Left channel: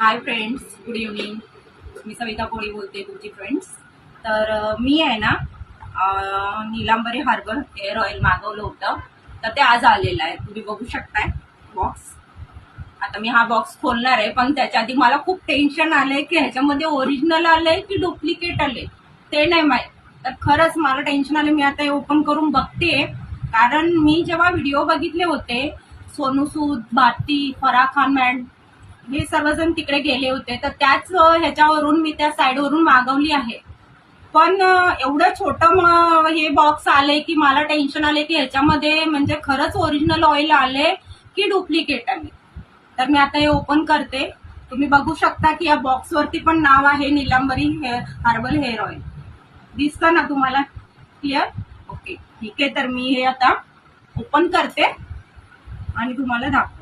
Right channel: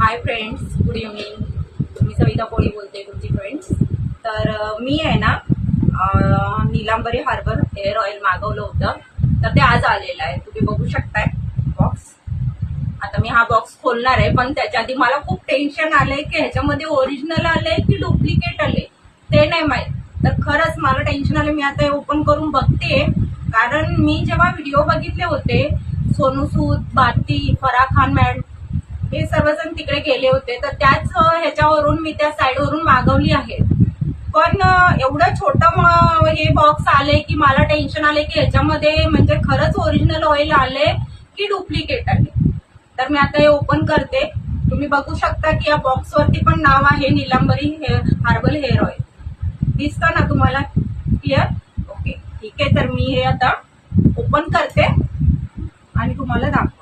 हाय friends, good evening. मी सविता कोळी बोलते, तुमची फ्रेंड्स. तर मी आहे ना नीलांबरी हार्बर हेअर ऑइल मागवलं होतं, तर ते आज आलेलं आहे. तुम्ही बघू शकताय बॉक्स. आता मी हा बॉक्स खोलणार आहे, पण त्याच्या आधी मला खूप टेन्शन आलंय की ह्याच्यामध्ये ओरिजिनल आलंय की डुप्लिकेट आले ते नाही माहीत. तर खरंच मला टेन्शन आलं. मी आता हे ओपन करून बघतेय, कारण मी जेव्हा व्हिडिओ बघितले होते सोनू सूद, भारती, फराह खान मॅडम हे सर्वजण तिकडे गेले होते, तर त्याच ह्याच्यावरून मी त्या साईडवरून मागवली आहे. पण एवढं छोटं हे बॉक्स आले की मला टेन्शन आले की ह्याच्यामध्ये म्हणजे खरंच ओरिजिनल ऑइल आले की डुप्लिकेट आले. तर मी आता हे ओपन करते. तुम्ही बघू शकता की या बॉक्सवरती पण नाव आहे नीलांबरी हार्बल हेअर ऑइल. दिसतं ना तुम्हाला क्लिअर? ओके, ठीक आहे. तर मी हे आता ओपन करते आणि तुम्हाला दाखवते.